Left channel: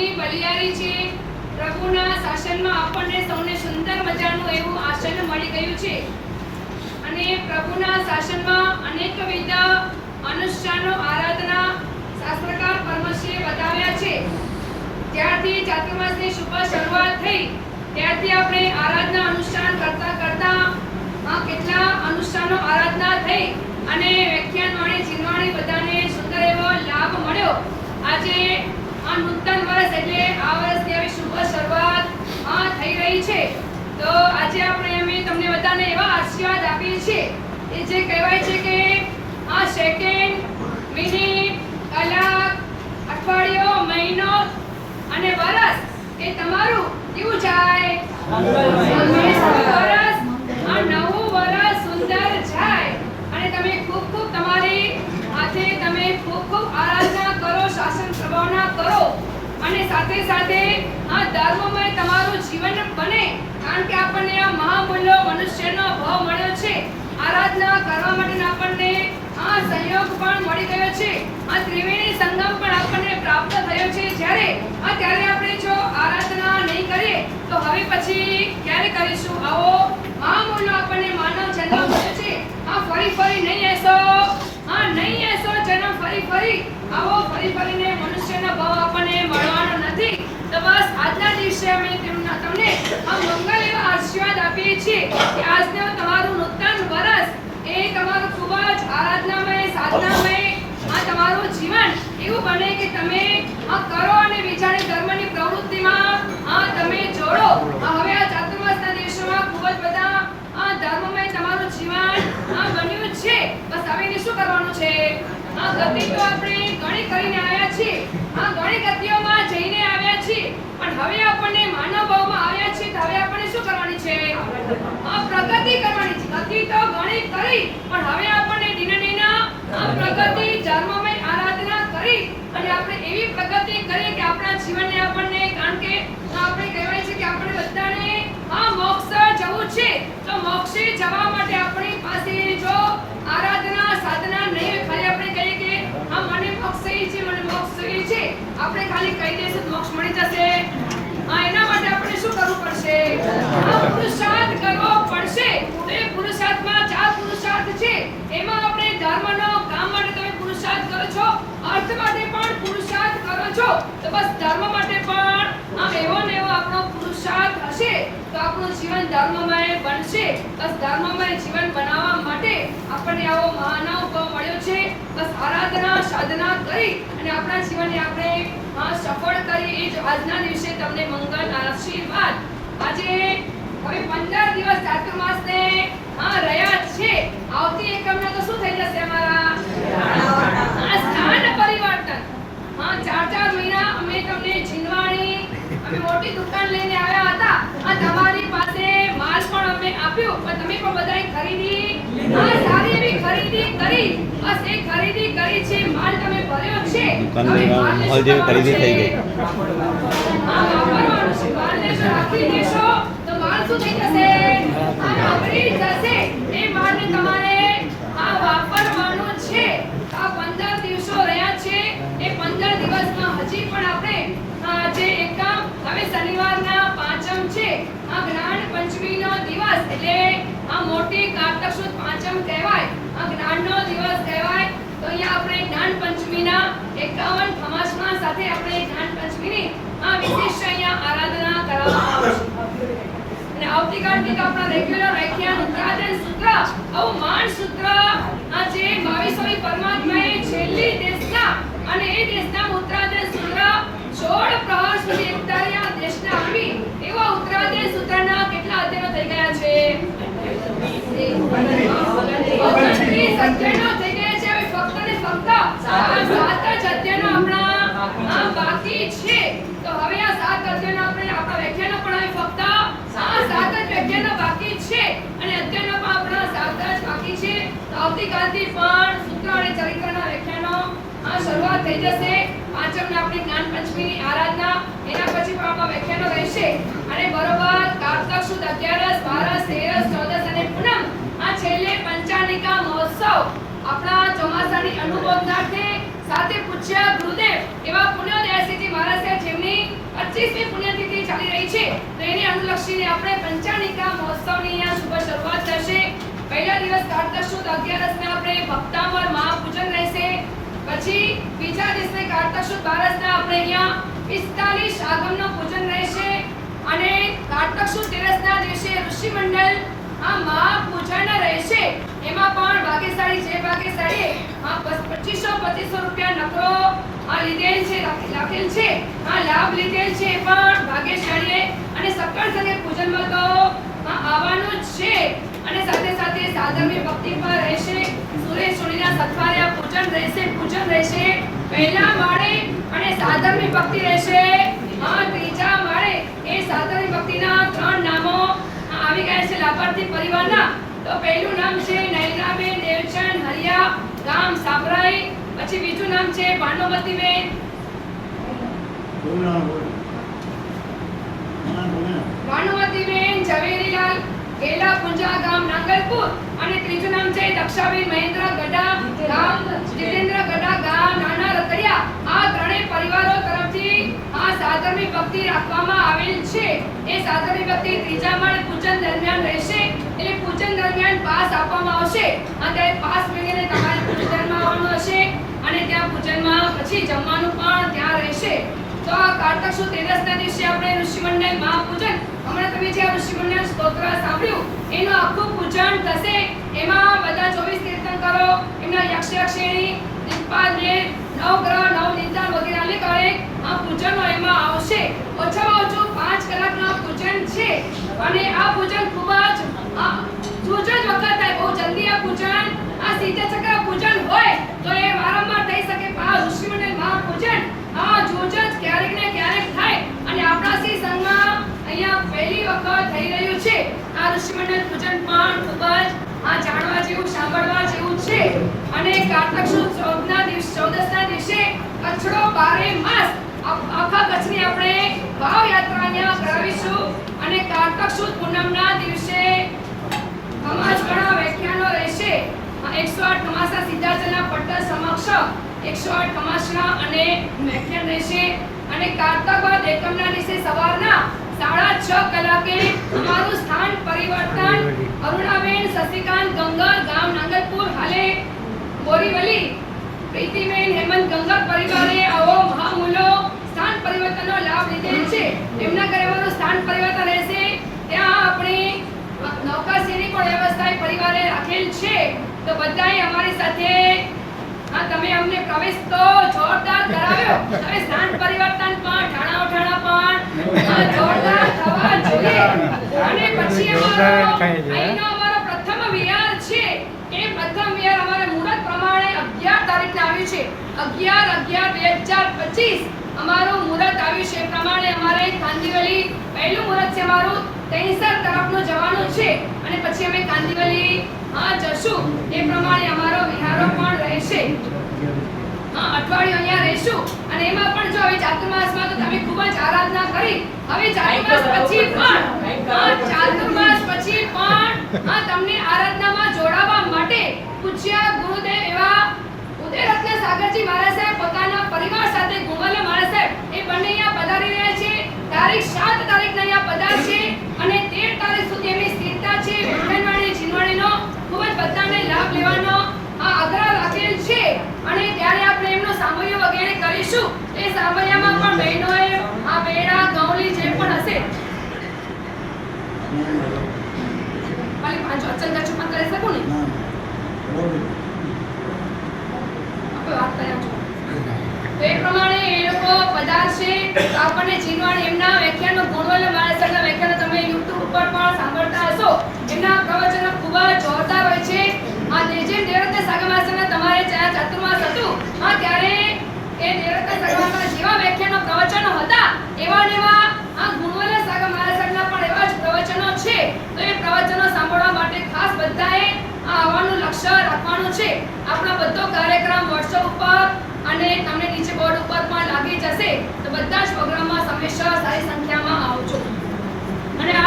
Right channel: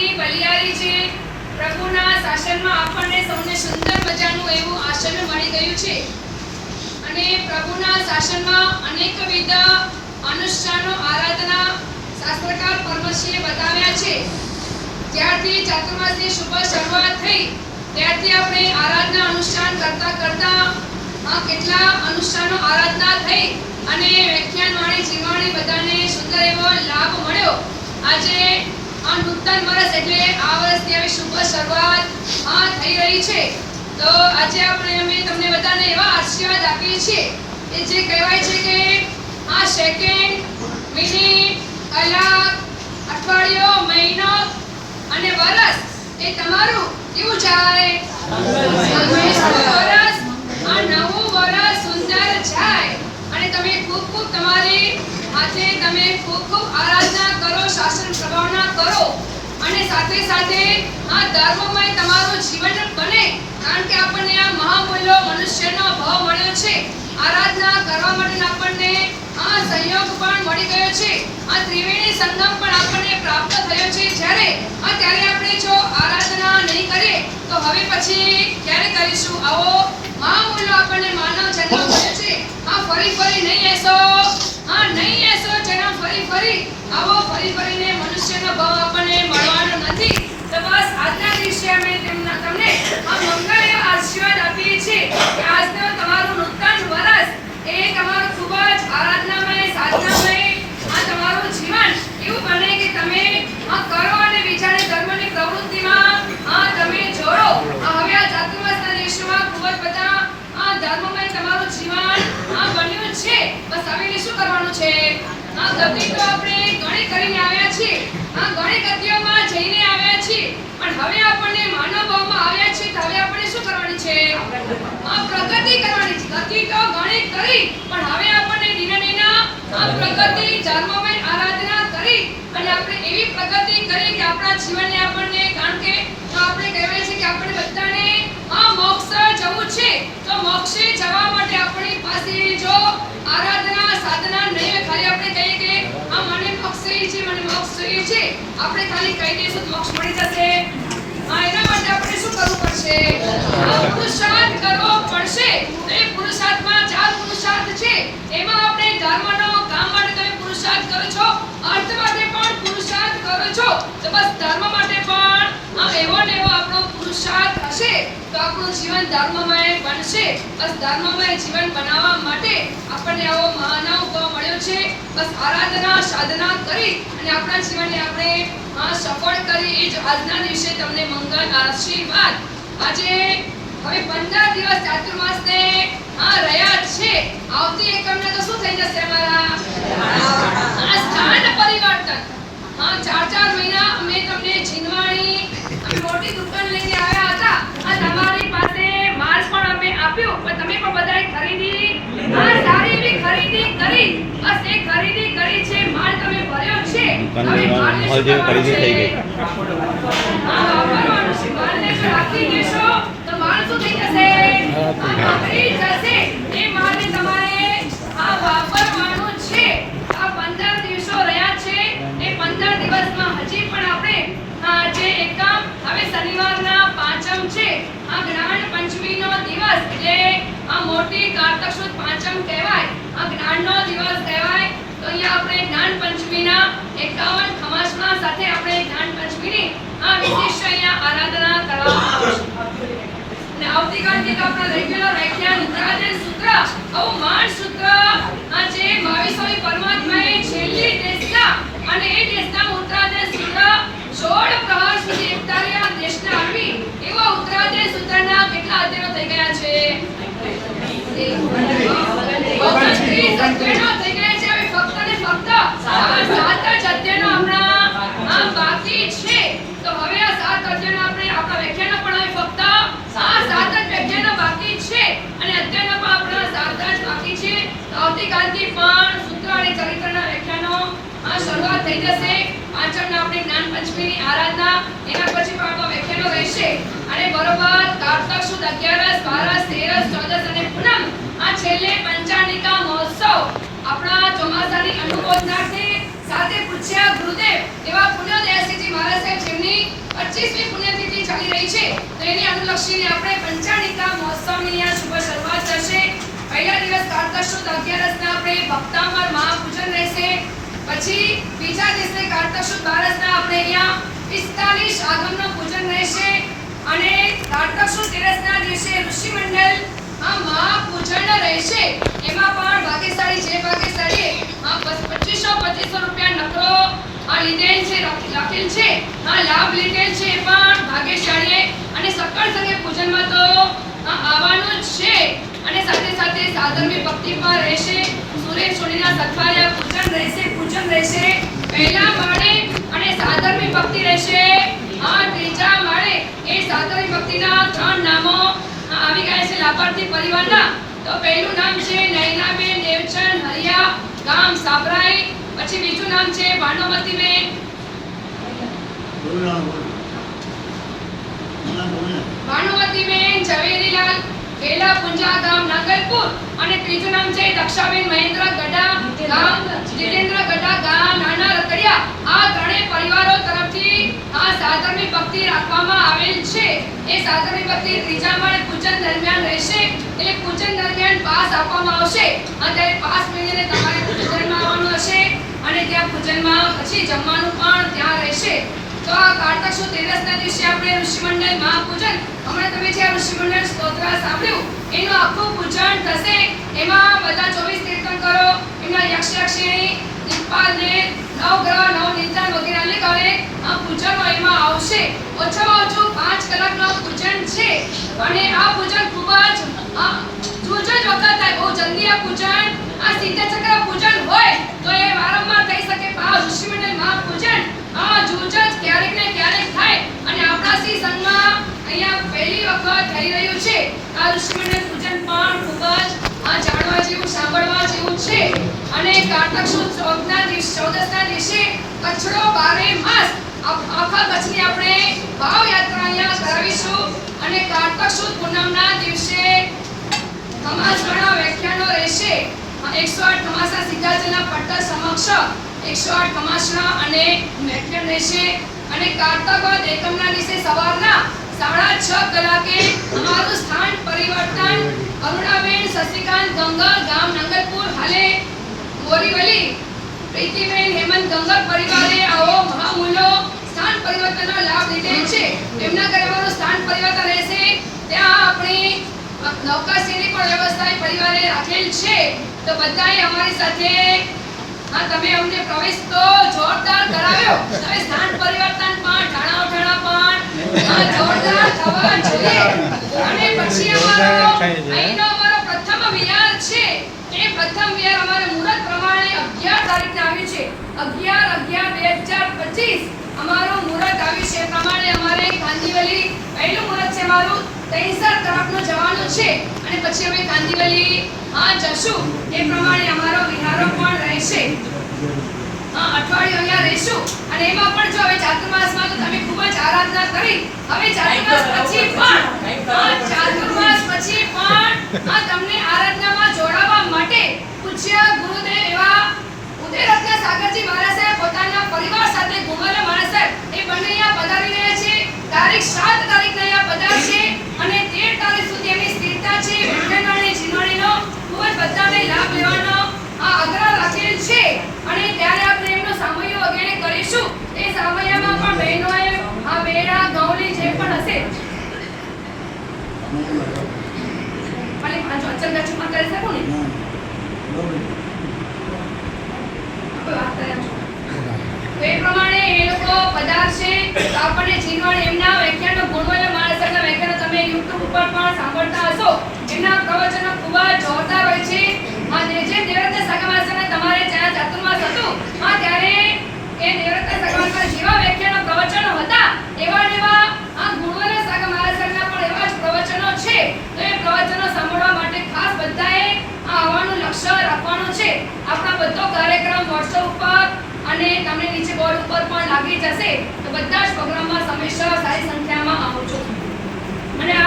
ભક્તિ બલિયારી છે. પ્રભુના શાસનમાં આપણને સૌને સુંદર મજાનું એવું આસન મળી ગયું છે અને પ્રભુના શાસનમાં અનેકવિધ અનુષ્ઠાનો આરાધના શાસ્ત્રકાર પરમશ્રીએ બતાવ્યા છે. જ્યારથી ચાતુર્માસની શુભ શરૂઆત થઈ ત્યારથી આપણે આરાધના અનુષ્ઠાન કરતા કેટલા અનુષ્ઠાનો આરાધના થઈ અને વ્યાખ્યાન વાણી જીવવાણી બધાને સુંદર એવો લાભ મળ્યો. આજે આ નૂતન વર્ષ એટલે આ વર્ષની આવી શુભ શરૂઆત થઈ રહી છે. તો આજે અમે તમને બધાને એવા આશીર્વાદ આપીએ છીએ કે જે કહેવાય છે કે આ સેકન્ડ, મિનિટ, કલાક, અઠવાડિયો, મહિનો અને વર્ષ એ તમારું કેવું જાય? વર્ષ આ નવું વર્ષ સુંદર જાય અને તમે ખૂબ ખૂબ તમારી આજે તમે ખૂબ આરાધના કરો, શાસન પ્રભાવના કરો અને સાથે સાથે આ ધર્મમય તમારું જીવન બને. કારણ કે આપણને આ મહામૂલ્ય મનુષ્યનો ભાવ મળ્યો છે. આરાધના કરવા માટે આપણને આ સંયોગ પણ મળી ગયો છે. આ ત્રિવેણી સંગમ પણ આપણને પ્રાપ્ત થયો છે. ત્યારે આપણે જો આરાધના નહીં કરીએ તો હવે પછી ક્યારે કરીશું? આવો મહામૂલ્ય આપણને માનવ જન્મ મળ્યો છે. ફરી નહીં એસો જન્મ ફરી આવો ફરીને મનુષ્યનો ભાવ આપણને મળવાનો નથી. તો બસ આજના દિવસે અમે તમને આ મંગળ એવા આશીર્વાદ આપીએ છીએ કે આજનો તમારું નૂતન વર્ષ એ તમારું ખૂબ જ આરાધનામય, સાધનામય તમારું જીવન એવું બને કે તમે કરો અને બીજાને ધર્મની પ્રવૃત્તિમાં તમે જોડો. હવે આ ચાતુર્માસના દિવસોમાં ખૂબ જ બધા ધર્મમય તમારું જીવન બન્યું છે. બસ હવે શું કરવાનું છે? ગતિ તો આપણે ઘણી કરીને આવ્યા છીએ, ઘણી ગતિઓમાં જઈને આવ્યા છીએ, પણ હવે આપણને માનવ ભાવમાં આવ્યા છીએ. તો હવે આપણે શું કરવાની છે? પ્રગતિ કરવાની છે. ગતિ તો ઘણી કરી પણ હવે આપણને પ્રગતિ ધર્મમય આરાધના કરી અને આપણે એવી પ્રગતિ કરીએ કે આપણા જીવનને આપણને, કારણ કે આપણે કહેવાય છે કે આપણે બધાને મોક્ષ જવું છે. તો મોક્ષે જવા માટે આપણી પાસે જો આરાધના સાધના નહીં હોય, ખાલી આપણે કહીએ કે મને મોક્ષ જોઈએ છે, આપણે ખાલી કહી દઈશું મોક્ષ મળી જશે, એના માટે આપણે શું કરવું પડશે? પુરુષાર્થ કરવો પડશે. તો એ પુરુષાર્થમાં 4 પુરુષાર્થ છે. એમાં આપણે ધર્મનો, કામ માટે તમે પુરુષાર્થ કરો છો, અર્થ માટે પણ પુરુષાર્થ કરો છો. તો બસ ધર્મ માટે પણ એવો ને એવો આપણો પુરુષાર્થ હશે તો આપણું જીવન ધર્મમય બનશે. બસ ધર્મમય જીવન બનાવવા માટે આપણને આવો માનવ ભાવ મળ્યો છે. બસ આરાધના સાધના કરી અને આપણા જીવનને આપણે સફળ કરી એ જ આજના દિવસે તમને મંગળ આશીર્વાદ. આજે હવે 15 દિવસ ચાતુર્માસને રહ્યા છે. આવતી એકમના તો શું થઈ જશે? અમારા સ્થાન પરિવર્તન. 4 મહિના અમે તમને જીનવાણી મોટી દુકાન લઈને આવ્યા હતા અને તમારી પાસે માલ પણ અમે આપ્યો, પણ તમે પણ બધાએ ખરીદી સારી એવી ખરીદી કરી. બસ એ ખરીદી કરી છે, માલ તમે ભર્યો છે. હવે માલ જે ખરીદી થઈ ગઈ વાપરવાનું છે. માલને રાખી દેશો તો માલ શું થઈ જશે? નબળી જશે. એ માલને તમારે વાપરવાનું છે. આ 15 દિવસો રહ્યા છે. એ 15 દિવસમાં હજી પણ આપણે જે એકમ હવે શનિવારના પાંચમ છે, જ્ઞાન પંચમીનો દિવસ એટલે મોટી કારતક સુદ પાંચમ કહેવાય, જ્ઞાનનો દિવસ કહેવાય. તો અહીંયા આપણે જ્ઞાન પંચમીના 51 ખમાસના સાથે આપણે જ્ઞાન પંચમીની વિશેષ અહીંયા આરાધના કરવામાં આવશે. અને આવતીકાલથી તો આપણા રેગ્યુલર વ્યાખ્યાન ઉત્તરાધ્યાય સૂત્ર, આવું માન સૂત્ર જે 22મી પરમાત્માએ છેલ્લી દેશના અને એ દેશના ઉત્તરાધ્યાય સૂત્ર 16 પ્રહાર સુધી એકતાર્યા દેશના આપી એવા ઉત્તરાધ્યાય સૂત્રના કેટલા અધ્યાયો થઈ ગયા છે? 29 અધ્યાયો થઈ ગયા છે. હવે ફક્ત ને ફક્ત 7 જ અધ્યાયો હમણાં બાકી છે. તો હવે આ 7 અધ્યાયો આપણે આપણા વ્યાખ્યાનો પણ હવે ફક્ત 7 જ વ્યાખ્યાનો બાકી છે અને અધ્યાયનો પણ આપણા 7 જ બાકી છે. તો આવતીકાલથી પણ સૂત્ર અને ચરિત્રના વ્યાખ્યાનો શરૂઆત થઈ જશે. પાંચમને આપણે જ્ઞાન પંચમીની આરાધના, એના પછી પણ આપણા વ્યાખ્યાનો રહેશે અને બરોબર કારતક સુદ 11, 12, 13, 14 અને પૂનમ આ છેલ્લે પંચાનિકા મહોત્સવ આપણા ચોમાસાની અનુમોદનાર્થે સાથે પૂછ્યા ગુરુદેવ એવા પુણ્યોદયસિંહજી મહારાજ મહારાજ સાહેબ જેમની 25મી પુણ્યતિથિ ચાલી રહી છે, તો એને અનુલક્ષીને આપણે પંચાનિકા મહોત્સવની અહીંયા શુભ શરૂઆત થશે. પહેલા દિવસ કારતક સુદ 11ના આપણે ભક્તામર મહાપૂજન રહેશે. પછી બીજા દિવસે કારતક સુદ 12ના આપણે અહીંયા 45 આગમનું પૂજન રહેશે. અને કારતક સુદ 13ના દિવસે ઋષિ મંડળ મહાપૂજન રહેશે. એમાં પણ ભાગ્યશાળી જે ભાગ્યશાળી 2500 રૂપિયા નકરો લીધેલ છે, રાખેલ છે, લાભ લીધેલ છે, પણ ભાગ્યશાળીએ અને સકળ સંગે પૂજનમાં તો આવવાનું જ છે. અને સાથે સાથે સાધર્મી ભક્તિ પર રહેશે. સુરેશ સોનીના સત્વાર્યા પૂજન રહેશે પહેલા માળે, અને સાધર્મી ભક્તિ રહેશે ત્રીજા માળે. એ સાધર્મી ભક્તિના 3 નામો આવી ગયા છે લાભાર્થી પરિવારના. તો પહેલું નામ છે નયનાબેન દેવચંદ હરિયા, ગામ સાબરાઈ. પછી બીજું નામ છે ભાનુમતીબેન ઝવેરીલાલ ખેલા પુંજા, ગામ નાગલપુર. અને ત્રીજું નામ છે દક્ષાબેન મહેન્દ્ર ગડા, ગામ જીતેન્દ્ર ગડા, ગામ નાના રતડિયા. આ ત્રણેય પરિવારો તરફથી આ સાધર્મી ભક્તિ રાખવામાં આવેલ છે. એ સાધર્મી ભક્તિ ત્રીજા માળે પૂજન દરમિયાન રહેશે. એટલે પૂજન દરમિયાન પાસ આપવામાં આવશે, અને પાસ મેળવીને તમારે પૂજનમાં આવવાનું હશે. અને ત્યાં પૂજનમાં પછી જમવાનું પણ ત્યાં રહેશે. તો આ કારતક સુદ 13ના દિવસે આપણે ઋષિમંડળ મહાપૂજન, હમણાં તમે જે ઋષિમંડળ સ્તોત્ર સાંભળ્યું એનું આખું પૂજન થશે. એમાં બધા 24 તીર્થંકરો, એમના યક્ષયક્ષિણી, દિક્પાલને, નવગ્રહ, નવનિધાન વગેરે લેખે આ પૂજનો એમાં આવશે. ઓછામાં ઓછું 5 કલાકનું પૂજન છે. અને આ પૂજન ખૂબ જ જ વખત થાય, બહુ જલ્દી આ પૂજન, આ સીધા ચક્ર પૂજન હોય તો એ વારંવાર થઈ શકે. આ ઋષિમંડળ મહાપૂજન જૂજ ક્યારેક ને ક્યારેક થાય. અને આપણા શ્રી સંઘમાં અહીંયા પહેલી વખત થઈ રહ્યું છે. આ ઋષિમંડળ પૂજન પણ ખૂબ જ જાણવા જેવું, સાંભળવા જેવું છે. અને કારતક સુદ 14ના દિવસે કચ્છડો 12 માસ આખા કચ્છની આપણે ભાવ યાત્રા અહીંયા કરાવીશું. અને કારતક સુદ પૂનમના દિવસે ખમાસવાળા વ્યાખ્યાનો રહેશે. 108 ખમાસના સિદ્ધાચલના પટ્ટા સમક્ષ 108 ખમાસના અને વ્યાખ્યાન રહેશે. અને કારતક બાદ એકમના દિવસે સવારના 6:30 કલાકે અમારું સ્થાન પરિવર્તન અરુણાબેન શશિકાંત ગંગા, ગામ નાંગલપુર, હાલે બોરીવલી. પ્રીતિબેન હેમંત ગંગા પરિવારે આવો મહામૂલો સ્થાન પરિવર્તનનો લાભ લીધેલ છે. એમના ઘરે અમારું સ્થાન પરિવર્તન રહેશે. ત્યાં આપણે નૌકાશ્રીની પણ વ્યવસ્થા પરિવારે રાખેલ છે. તો બધાએ અમારી સાથે તમે અમને પ્રવેશ તો જોરદાર કરાવ્યો. હવે સ્થાન પરિવર્તન પણ ઠાણા પણ જોરદાર થવા જોઈએ. અને પછી અમારો પ્રથમ વિહાર છે. એ પ્રથમ વિહાર અમારે મુહૂર્ત પ્રમાણે 11 તારીખે આવ્યું છે. 11/11/2025 અમારું મુહૂર્ત આવ્યું છે. પ્રમાણે અમારે કાંદીવલી પહેલું મુહૂર્ત છે મારું તૈસર તરફનું જવાનું છે. અને પછી અમે કાંદીવલી જશું. એ પ્રમાણે અમારો વિહારો પણ રહેશે. અઠવાડિયું અહીંયા રહેશું. અને એમાં પણ જો હવે ચાતુર્માસમાં તો તમે ખૂબ જ આરાધના કરી. હવે ચાતુર્માસ પછી પણ તમને આરાધનામાં જોડાવા માટે પૂજ્ય ગુરુદેવ એવા ઉદયરત્ન સાગરજી મહારાજ સાહેબ પોતાના પરિવાર સાથે ગુમલા મહારાજ સાહેબ એ બંને અહીંયા પધારી રહ્યા છે. તારીખ 7 તારીખના અહીંયા પધારશે. અને 13 તારીખ સુધી એમની સ્થિરતા છે. વેણવાણી જીનવાણીનો ખૂબ જ બધાને લાભ લેવાનો આગ્રહ રાખેલ છે. અને ત્યારે આપણે એમનો સામયો વગેરે કરીશું. એ સામયામાં પણ બહેનોએ બેડા ગૌલી જે પણ હશે ખાલી 5 અચંગા ચૂપન કરી શકું ને આપણે વાત કર્યા છો. તો એ પ્રમાણે એ લોકો પધારશે. તો આપણને જીનવાણી એમના વ્યાખ્યાનો ગુણવલ મહારાજના વ્યાખ્યાનો તમે YouTube ઉપર પણ સાંભળતા હશો. એમના પ્રવચનો ખૂબ જ જોરદાર હોય છે. જે દેવરત્ન સાગર મહારાજના તમારે જ્યાં ચાતુર્માસ હતું ત્યારે એ દેવરત્ન સાગર મહારાજના જેવા વ્યાખ્યાનો પ્રવચનો હતા એવા ને એવા ગુણવલ સાગર મહારાજના પણ એવા જ પ્રવચનો છે. તો એ પ્રવચનો સાંભળવા માટે ખાસ બધાએ આવવાનું લક્ષ્ય રાખવાનું છે. આપણા બધો કાર્યક્રમ WhatsApp ઉપર અને તમને નીચે બોર્ડ ઉપર પણ લાગી જશે. તો બધા જ પ્રોગ્રામમાં હંમેશા સારી સંખ્યામાં આવજો.